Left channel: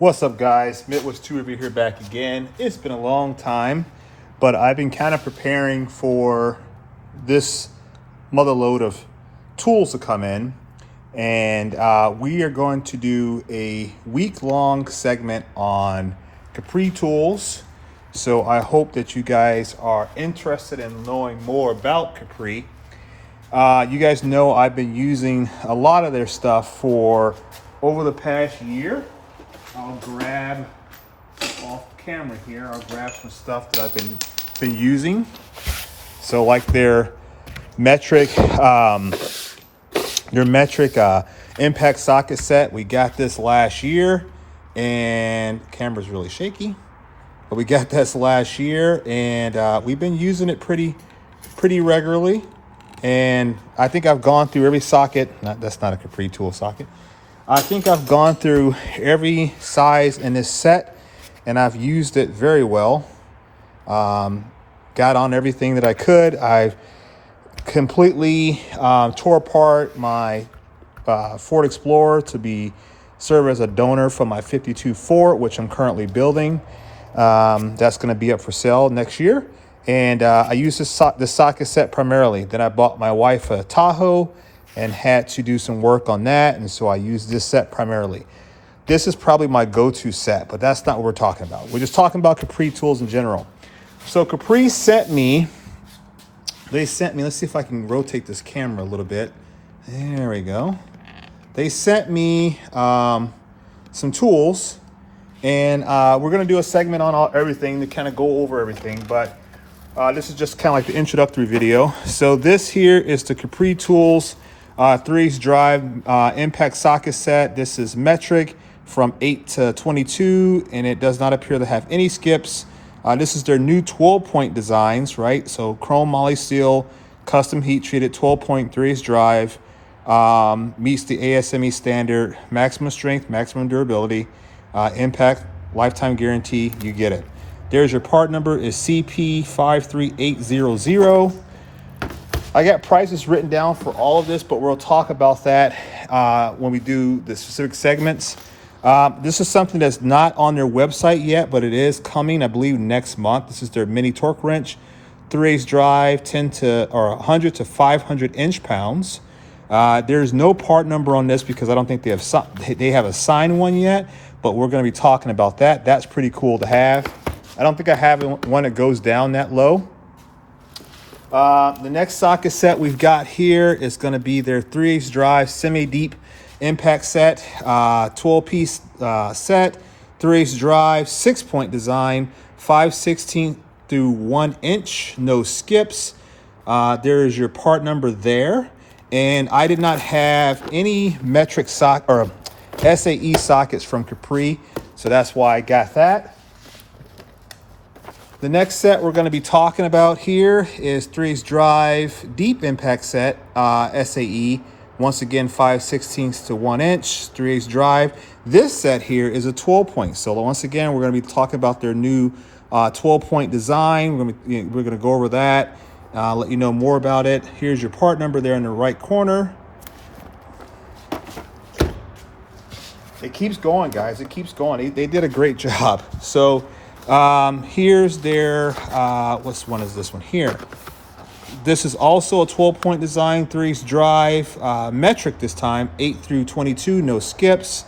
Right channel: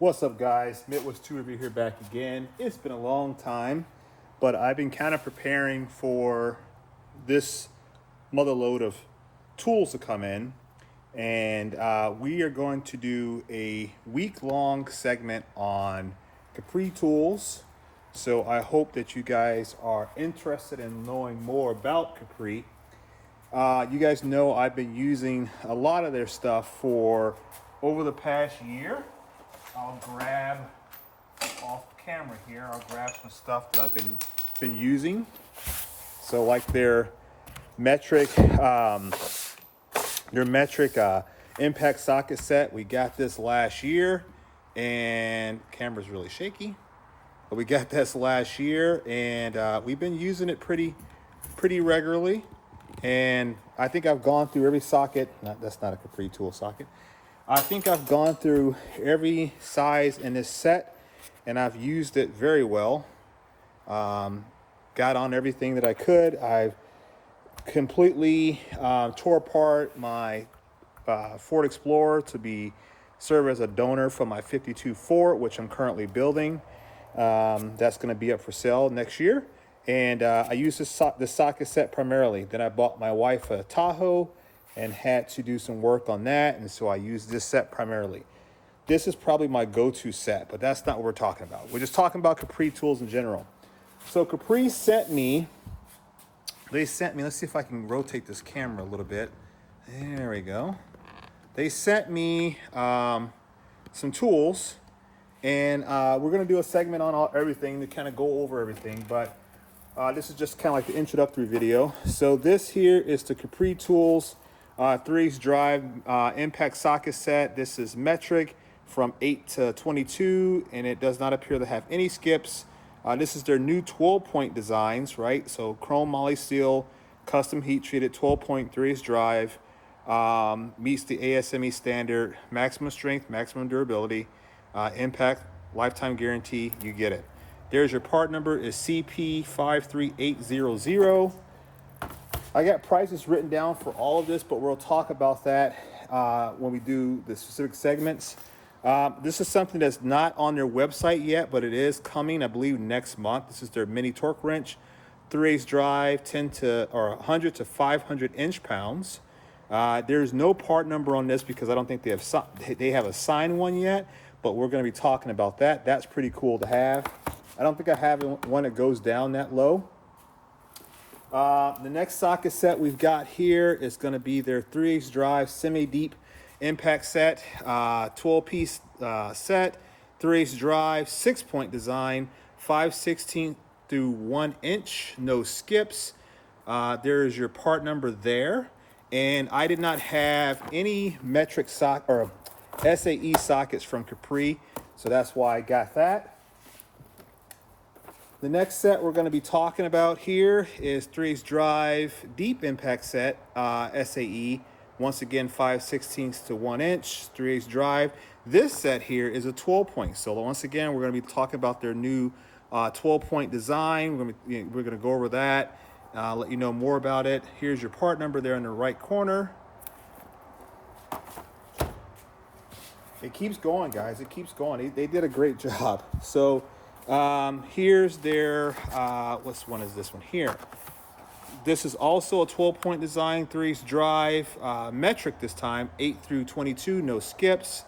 What's up, guys? Midwest 2 over here back again. It's been a long time, but I've been kind of preparing for this mother load of tools to come in, and we are going to do a week-long segment on Capri Tools. So I hope that you guys are interested in knowing more about Capri. You guys know I've been using a lot of their stuff for over the past year. I'll grab off camera here. I'll grab some stuff that I've been using. So like their metric impact socket set. We got this last year, and the camera's really shaky. But we got this last year, and we've been using it pretty regularly. And I think I've gone through every socket. That's not a Capri tool socket. I think I've gone through every size in this set, and I've used it very well. Got on everything that I could. I've completely tore apart my Ford Explorer to serve as a donor for my 52 Ford, which I'm currently building. That's going to be up for sale next year. And I use this socket set primarily. Then I bought my wife a Tahoe and had to do some work on that, and so I use this set primarily. This is probably my go-to set, but that's not what we're talking about. We're just talking about Capri tools in general. So Capri sent me, let's see if I can rotate this camera a little bit. There we go. They sent me some tools, and we're gonna do a segment on everything to kind of go over everything, but this is just kind of like the introductory video. So this here is the Capri Tools 3/8 drive impact socket set. This is metric from 8 to 22, and it does not appear to have any skips. This is their new 12-point designs, right? So chrome moly steel, custom heat treated 12-point 3/8 drive, meets the ASME standard, maximum strength, maximum durability, impact, lifetime guarantee. You get it. There's your part number is CP53800. I got prices written down for all of this, but we'll talk about that when we do the specific segments. This is something that's not on their website yet, but it is coming, I believe, next month. This is their mini torque wrench, 3/8 drive, 100 to 500 inch-pounds. There's no part number on this because I don't think they have assigned one yet, but we're going to be talking about that. That's pretty cool to have. I don't think I have one that goes down that low. The next socket set we've got here is going to be their 3/8 drive semi-deep impact set, 12-piece set, 3/8 drive, 6-point design, 5/16 through 1 inch, no skips. There is your part number there, and I did not have any metric socket or SAE sockets from Capri, so that's why I got that. The next set we're going to be talking about here is 3/8 drive deep impact set, SAE. Once again, 5/16 to 1 inch, 3/8 drive. This set here is a 12-point. So once again, we're going to be talking about their new 12-point design. We're going to go over that, let you know more about it. Here's your part number there in the right corner. It keeps going, guys. It keeps going. They did a great job. So here's their, what one is this one here? This is also a 12-point design, 3/8 drive, metric this time, 8 through 22, no skips.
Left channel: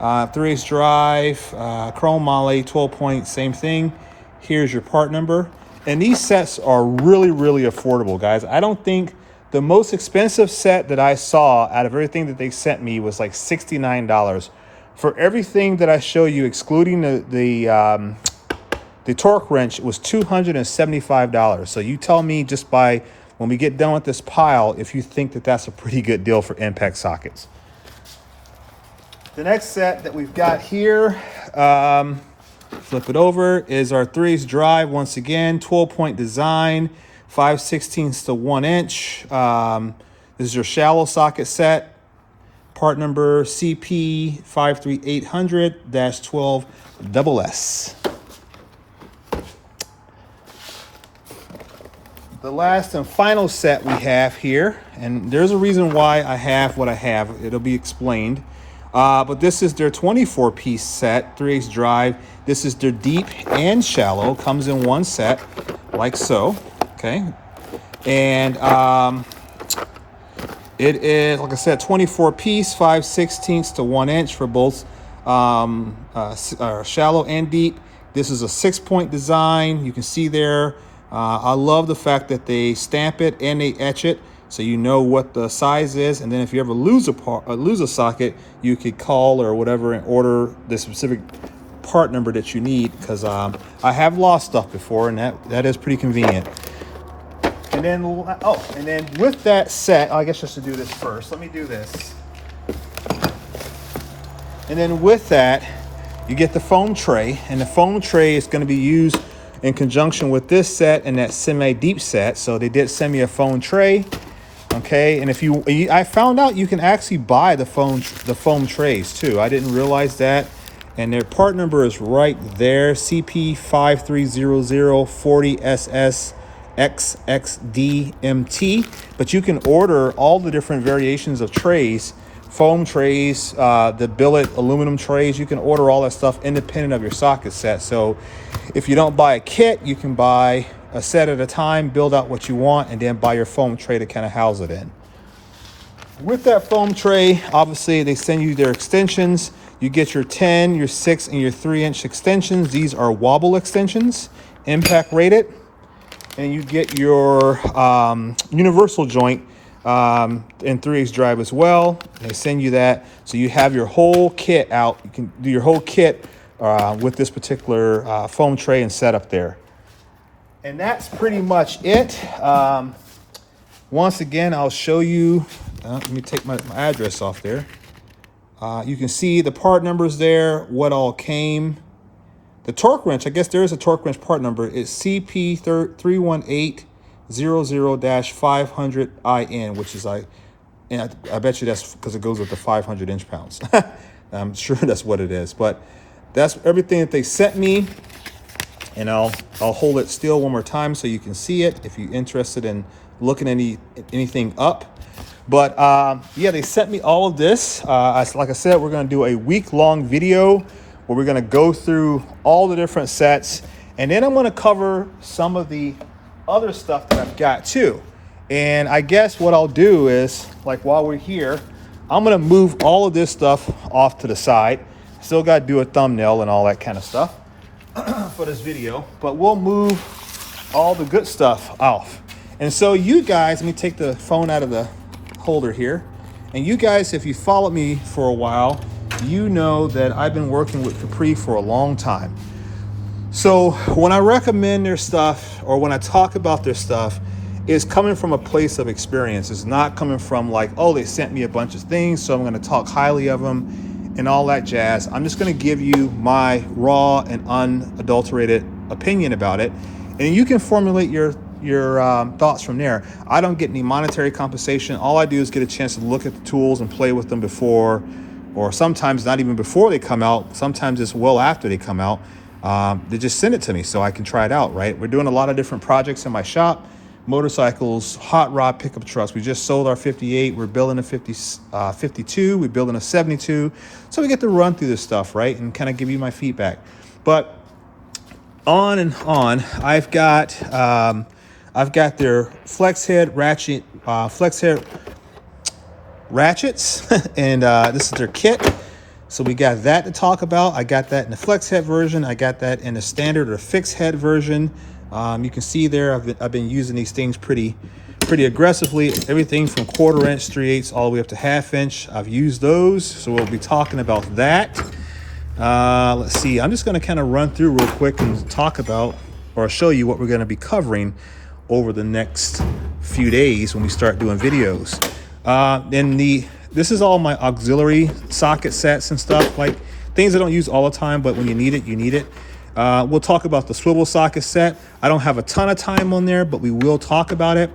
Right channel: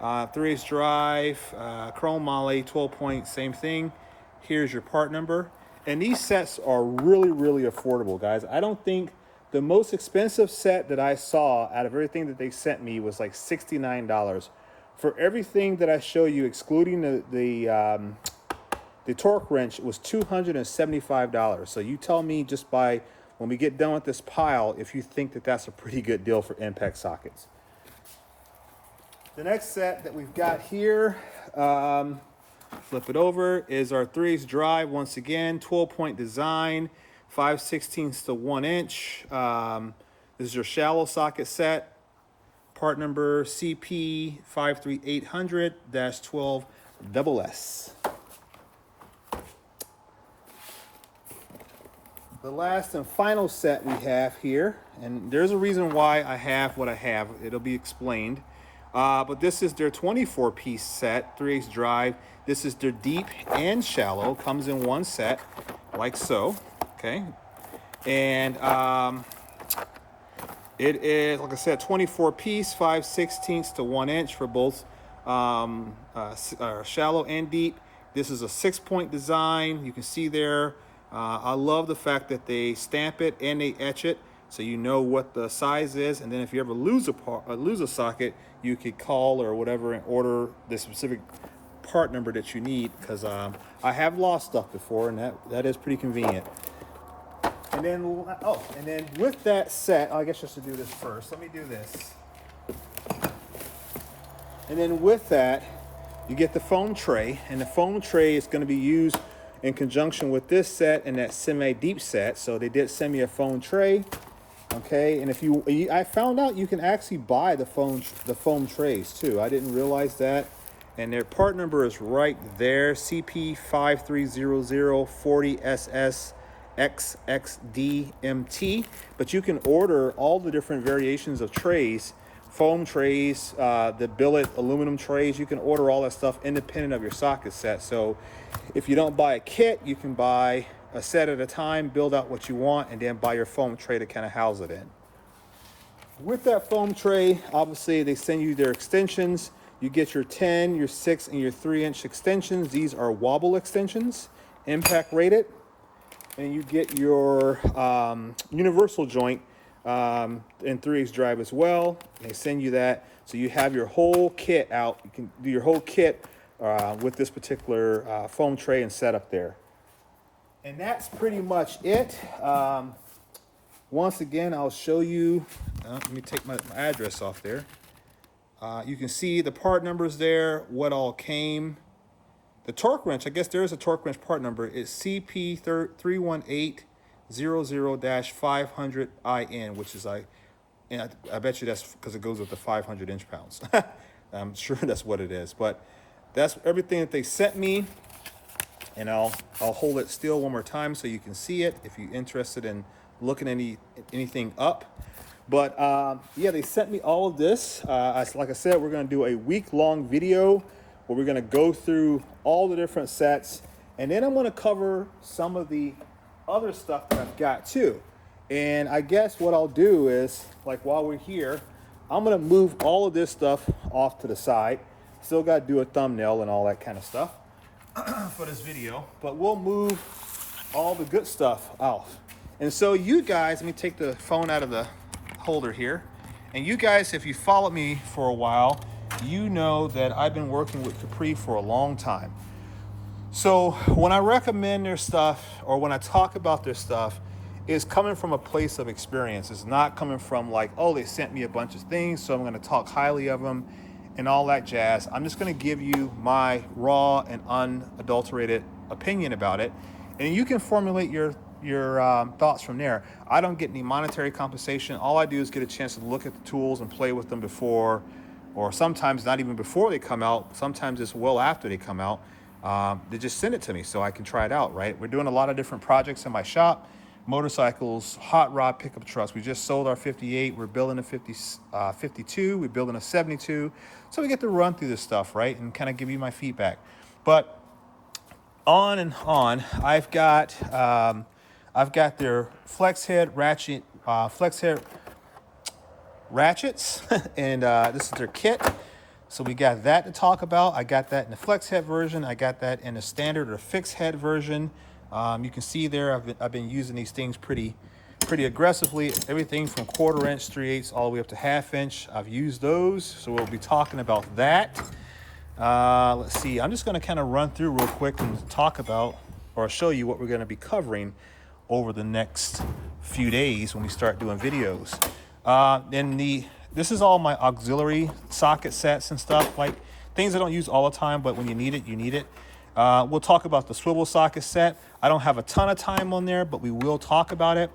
3/8 drive, chrome moly, 12-point, same thing. Here's your part number. And these sets are really affordable, guys. I don't think the most expensive set that I saw out of everything that they sent me was like $69. For everything that I show you, excluding the torque wrench, was $275. So you tell me just by when we get done with this pile if you think that that's a pretty good deal for impact sockets. The next set that we've got here, flip it over, is our 3/8 drive. Once again, 12-point design, 5/16 to 1 inch. This is your shallow socket set. Part number CP53800-12SS. The last and final set we have here, and there's a reason why I have what I have. It'll be explained. But this is their 24-piece set, 3/8 drive. This is their deep and shallow. Comes in one set, like so. Okay, and it is, like I said, 24-piece, 5/16 to 1 inch for both shallow and deep. This is a 6-point design. You can see there. I love the fact that they stamp it and they etch it, so you know what the size is. And then if you ever lose a socket, you could call or whatever and order the specific part number that you need. Because I have lost stuff before, and that is pretty convenient. And then with that set, I guess just to do this first, let me do this. And then with that, you get the foam tray, and the foam tray is going to be used in conjunction with this set and that semi-deep set. So they did send me a foam tray. Okay, and I found out you can actually buy the foam trays too. I didn't realize that. And their part number is right there, CP530040SS XXDMT. But you can order all the different variations of trays, foam trays, the billet aluminum trays. You can order all that stuff independent of your socket set. So if you don't buy a kit, you can buy a set at a time, build out what you want, and then buy your foam tray to kind of house it in. With that foam tray, obviously they send you their extensions. You get your 10, your 6, and your 3-inch extensions. These are wobble extensions, impact rated. And you get your universal joint in 3/8 drive as well. They send you that, so you have your whole kit out. You can do your whole kit with this particular foam tray and setup there. And that's pretty much it. Once again, I'll show you. Let me take my address off there. You can see the part numbers there, what all came. The torque wrench, I guess there is a torque wrench part number. It's CP31800-500IN, which is I bet you that's because it goes with the 500 inch-pounds. I'm sure that's what it is. But that's everything that they sent me. And I'll hold it still one more time so you can see it if you're interested in looking anything up. But yeah, they sent me all of this. Like I said, we're going to do a week-long video where we're going to go through all the different sets, and then I'm going to cover some of the other stuff that I've got too. And I guess what I'll do is, like, while we're here, I'm going to move all of this stuff off to the side. Still got to do a thumbnail and all that kind of stuff for this video, but we'll move all the good stuff off. And so you guys, let me take the phone out of the holder here. And you guys, if you followed me for a while, you know that I've been working with Capri for a long time. So when I recommend their stuff, or when I talk about their stuff, it's coming from a place of experience. It's not coming from like, oh, they sent me a bunch of things, so I'm going to talk highly of them and all that jazz. I'm just going to give you my raw and unadulterated opinion about it, and you can formulate your thoughts from there. I don't get any monetary compensation. All I do is get a chance to look at the tools and play with them before, or sometimes not even before they come out. Sometimes it's well after they come out. They just send it to me so I can try it out, right? We're doing a lot of different projects in my shop: motorcycles, hot rod pickup trucks. We just sold our 58. We're building a 52. We're building a 72. So we get to run through this stuff, right, and kind of give you my feedback. But on and on, I've got their flex head ratchet, ratchets, and this is their kit. So we got that to talk about. I got that in the flex head version. I got that in the standard or fixed head version. You can see there, I've been using these things pretty aggressively. Everything from 1/4 inch, 3/8 all the way up to 1/2 inch. I've used those, so we'll be talking about that. Let's see. I'm just going to kind of run through real quick and talk about, or show you what we're going to be covering over the next few days when we start doing videos. This is all my auxiliary socket sets and stuff, like things I don't use all the time, but when you need it, you need it. We'll talk about the swivel socket set. I don't have a ton of time on there, but we will talk about it.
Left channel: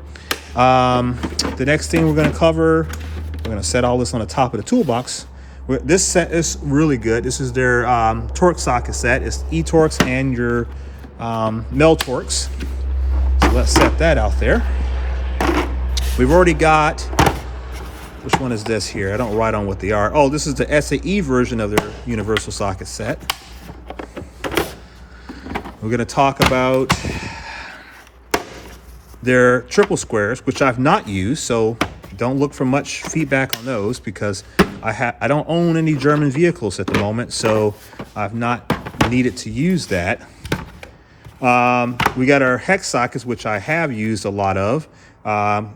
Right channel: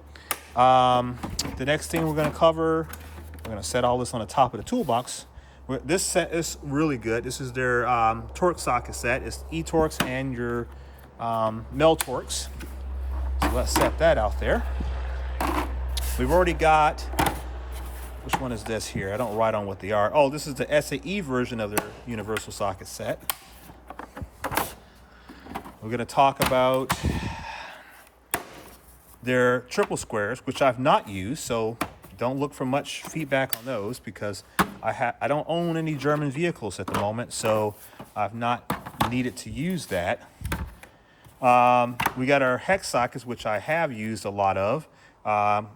The next thing we're going to cover, we're going to set all this on the top of the toolbox. This set is really good. This is their torque socket set. It's e-torques and your mel torques. So let's set that out there. We've already got which one is this here? I don't write on what they are. Oh, this is the SAE version of their universal socket set. We're going to talk about their triple squares, which I've not used, so don't look for much feedback on those because I don't own any German vehicles at the moment, so I've not needed to use that. We got our hex sockets, which I have used a lot of.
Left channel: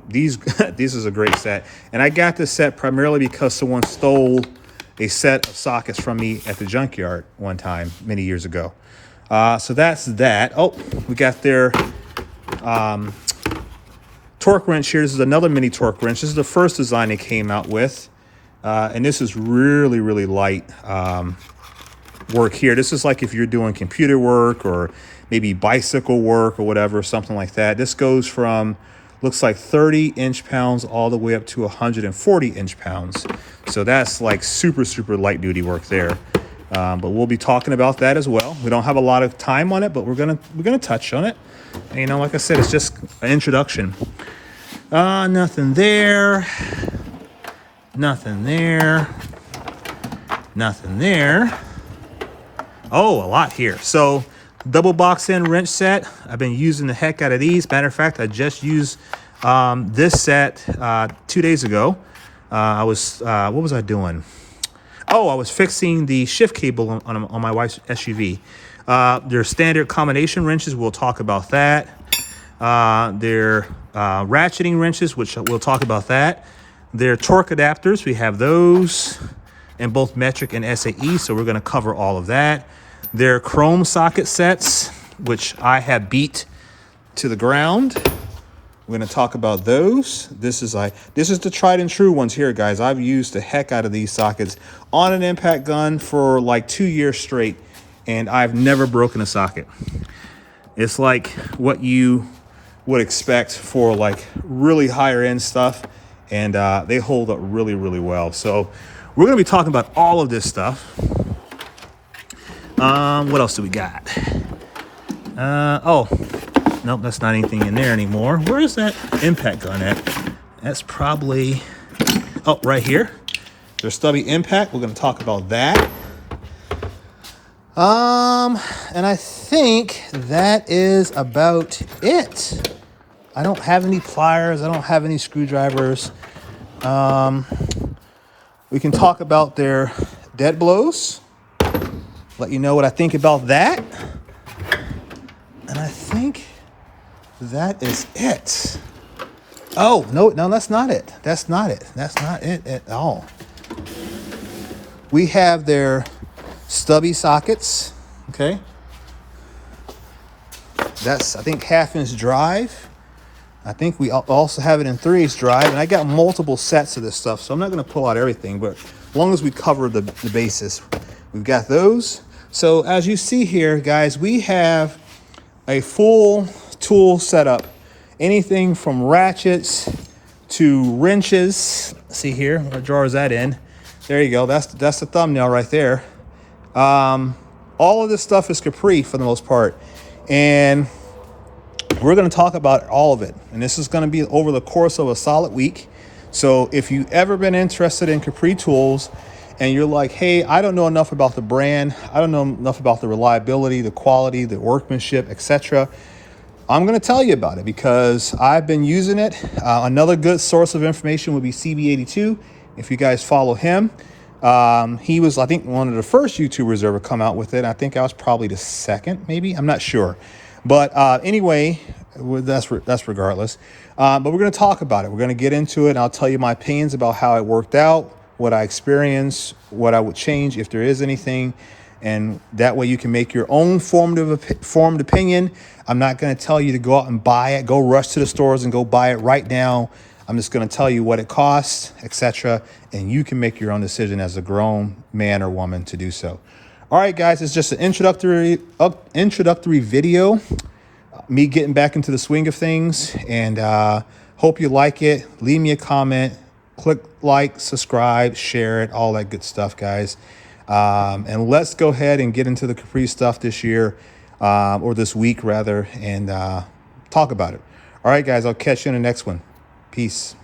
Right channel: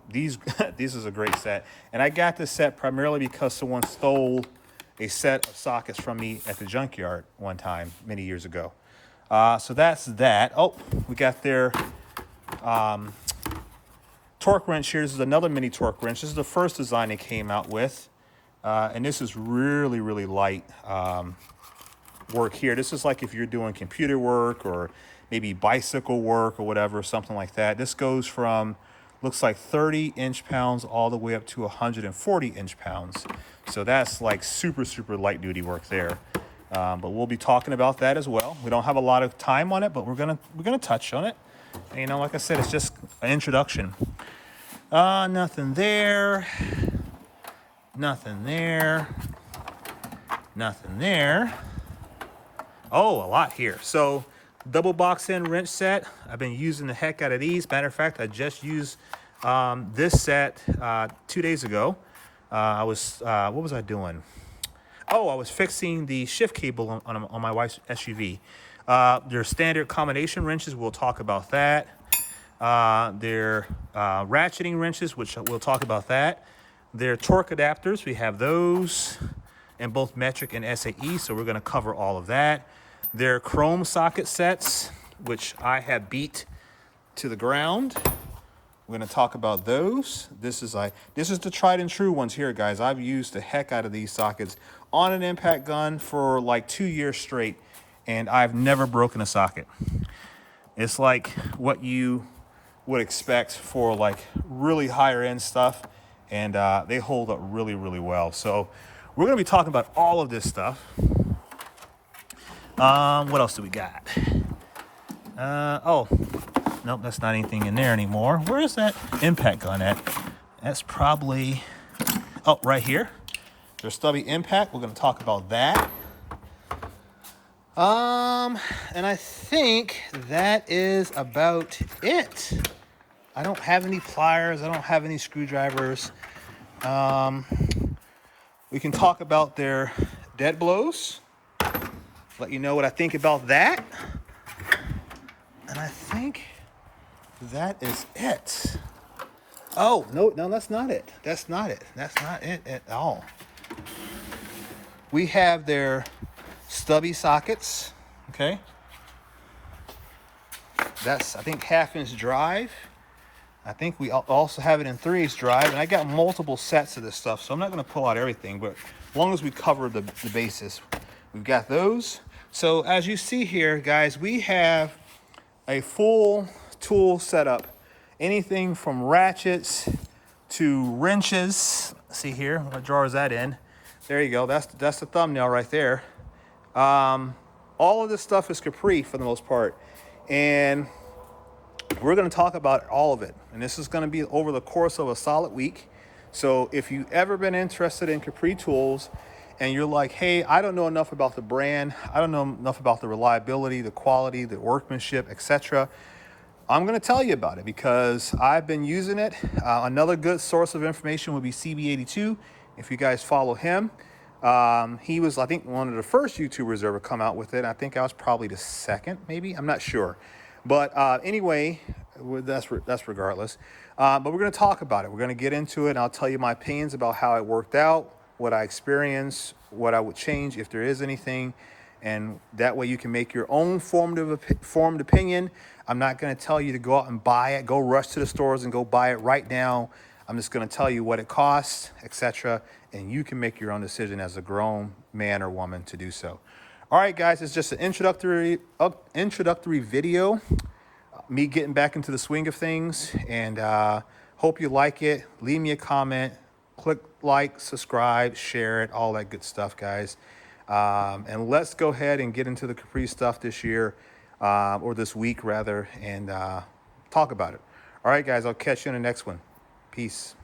These this is a great set, and I got this set primarily because someone stole a set of sockets from me at the junkyard one time many years ago. So that's that. Oh, we got their torque wrench here. This is another mini torque wrench. This is the first design they came out with, and this is really, really light work here. This is like if you're doing computer work or maybe bicycle work or whatever, something like that. This goes from, looks like 30 inch-pounds all the way up to 140 inch-pounds. So that's like super, super light duty work there. But we'll be talking about that as well. We don't have a lot of time on it, but we're gonna touch on it. And, you know, like I said, it's just an introduction. Nothing there. Nothing there. Nothing there. Oh, a lot here. So double box end wrench set. I've been using the heck out of these. Matter of fact, I just used this set 2 days ago. What was I doing? Oh, I was fixing the shift cable on my wife's SUV. Their standard combination wrenches, we'll talk about that. Their ratcheting wrenches, which we'll talk about that. Their torque adapters, we have those in both metric and SAE, so we're going to cover all of that. Their chrome socket sets, which I have beat to the ground. We're going to talk about those. This is the tried and true ones here, guys. I've used the heck out of these sockets on an impact gun for like 2 years straight, and I've never broken a socket. It's like what you would expect for like really higher end stuff, and they hold up really, really well. So we're going to be talking about all of this stuff. What else do we got? Oh, nope, that's not anything in there anymore. Where is that impact gun at? That's probably, oh, right here. There's stubby impact. We're going to talk about that. And I think that is about it. I don't have any pliers. I don't have any screwdrivers. We can talk about their dead blows. Let you know what I think about that. And I think that is it. Oh, no, that's not it. That's not it. That's not it at all. We have their stubby sockets, okay? That's, I think, 1/2 inch drive. I think we also have it in 3/8 drive, and I got multiple sets of this stuff, so I'm not gonna pull out everything, but as long as we cover the basis, we've got those. So as you see here, guys, we have a full tool setup. Anything from ratchets to wrenches. See here, what drawer is that in? There you go, that's the thumbnail right there. All of this stuff is Capri for the most part. And we're gonna talk about all of it. And this is gonna be over the course of a solid week. So if you've ever been interested in Capri Tools and you're like, hey, I don't know enough about the brand, I don't know enough about the reliability, the quality, the workmanship, etc., I'm going to tell you about it because I've been using it. Another good source of information would be CB82. If you guys follow him, he was, I think, one of the first YouTubers to ever come out with it. I think I was probably the second, maybe. I'm not sure. But anyway, that's regardless. But we're going to talk about it. We're going to get into it, and I'll tell you my opinions about how it worked out, what I experienced, what I would change if there is anything. And that way you can make your own formed opinion. I'm not going to tell you to go out and buy it, go rush to the stores and go buy it right now. I'm just going to tell you what it costs, etc. And you can make your own decision as a grown man or woman to do so. All right, guys, it's just an introductory video, me getting back into the swing of things, and hope you like it. Leave me a comment, click like, subscribe, share it, all that good stuff, guys. And let's go ahead and get into the Capri stuff this year, or this week rather, and talk about it. All right, guys, I'll catch you in the next one. Peace.